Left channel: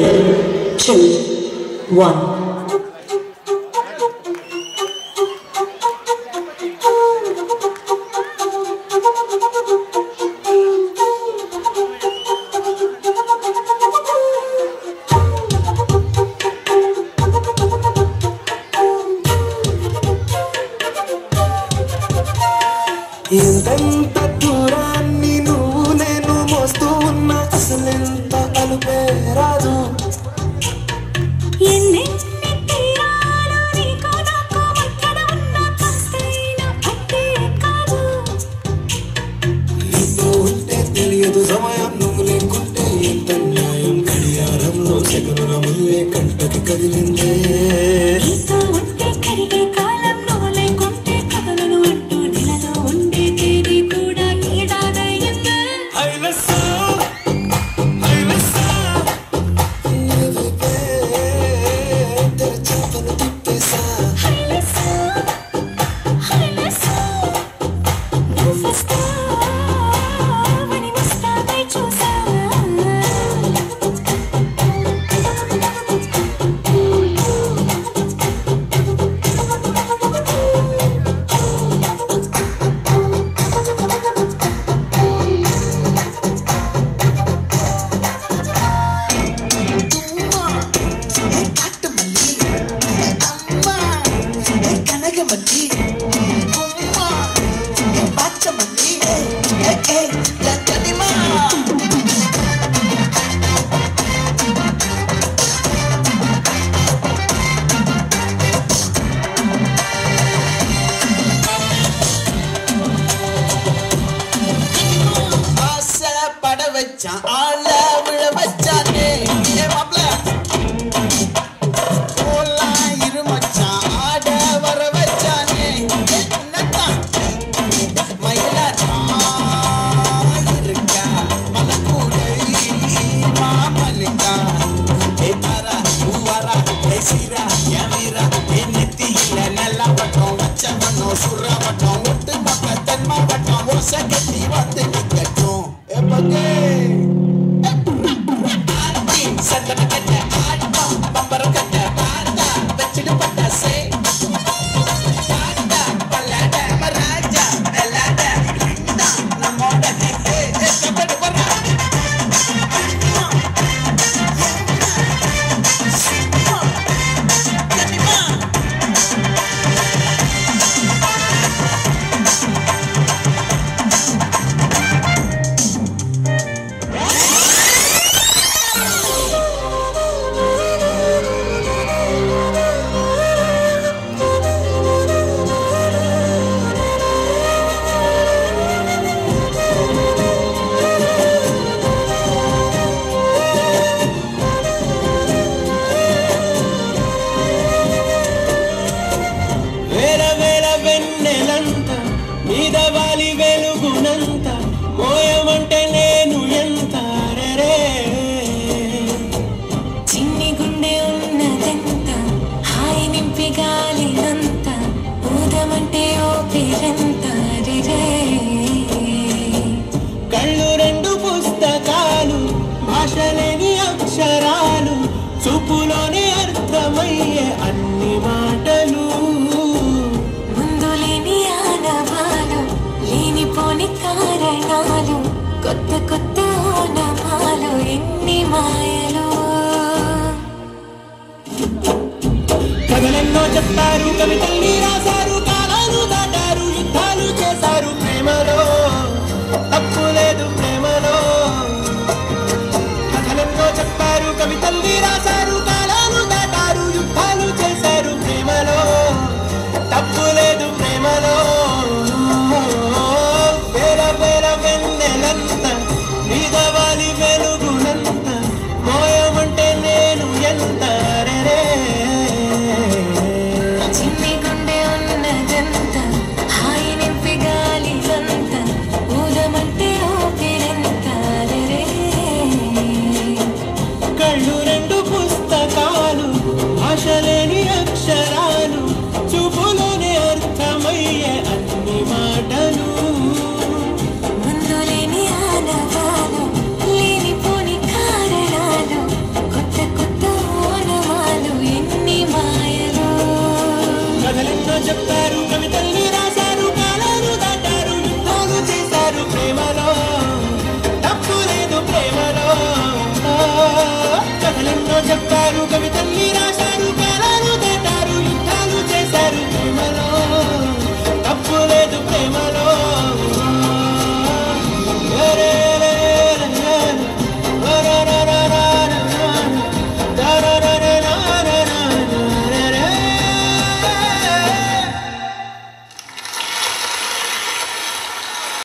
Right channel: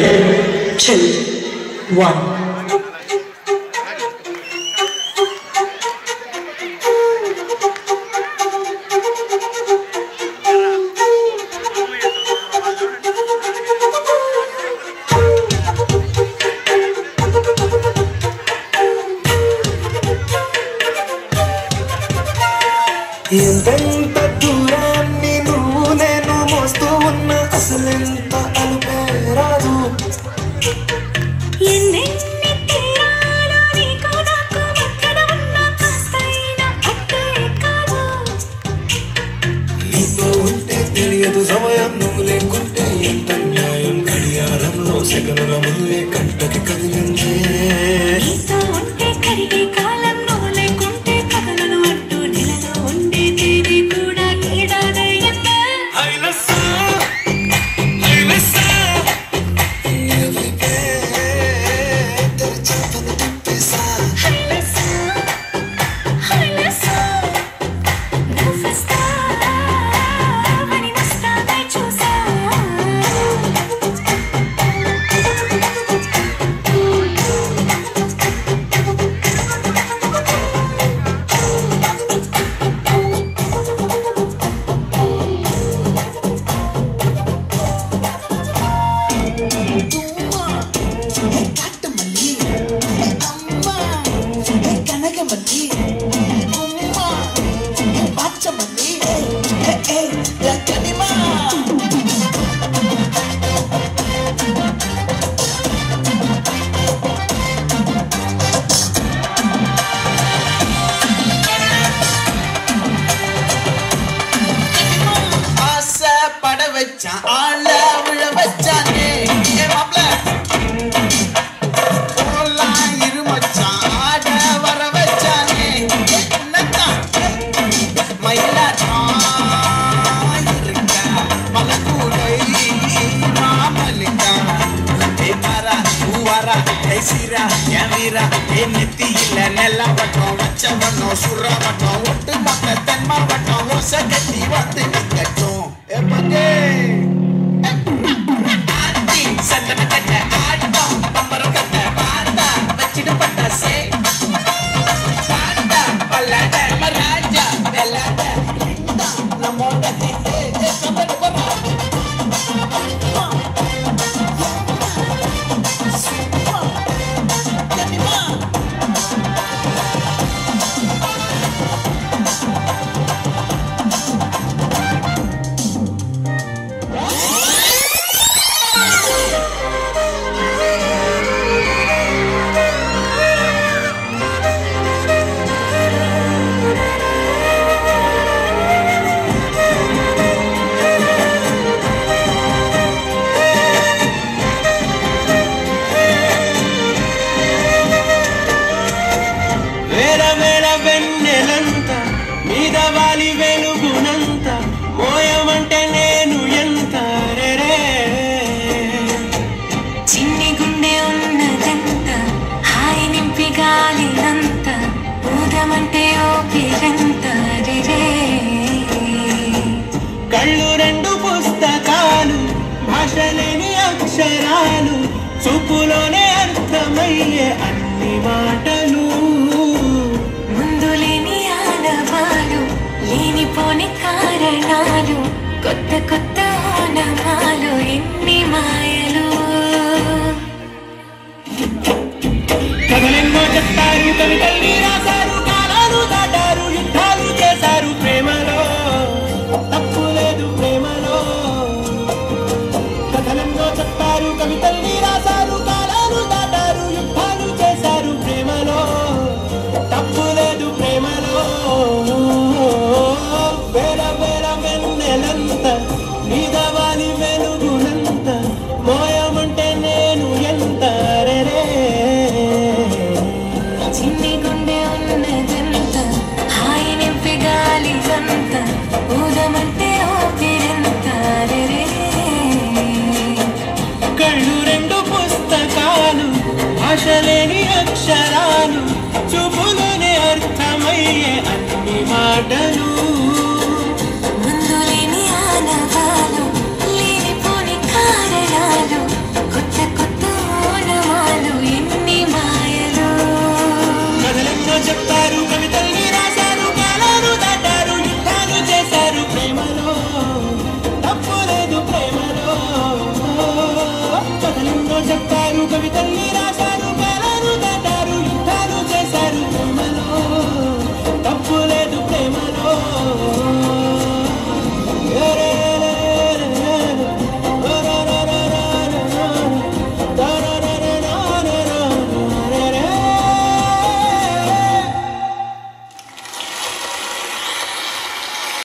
2, 1. ఎంతెంత దూరాన్ని నువ్వు నేను మోస్తూ ఉన్న అసలెంత అలుపే రాదు ఎన్నెన్ని తీరాలో నీకు నాకు మధ్యన ఉన్న కాస్తైన అట్టే కాదు నీతో ఉంటే తెలియదు సమయం నువ్వు లేకుంటే ఎంత న్యాయం గడియారంలో సెకనుల ముందే కంటకి కదిలిందే నీతో ఉంటే కరిగే కాలం నువ్వు లేకుంటే కదలను అంటూ నెలలో ఉండే తేదీ కూడా ఏడాదయ్యిందే చూపులోనే అర్థమయ్యే అన్ని మాటలు ముందులేని ఆనవాలు లేనిపోని కారణాలు కొత్త కొత్త ఆనవాలు ఎన్ని మాయలు కథలెన్నో చెప్తారు కవితల్ని రాశారు కాలాలు దాటారు యుద్ధాలు చేశారు ప్రేమలో తప్పు లేదు ప్రేమలో కథలెన్నో చెప్తారు కవితల్ని రాశారు కాలాలు దాటారు యుద్ధాలు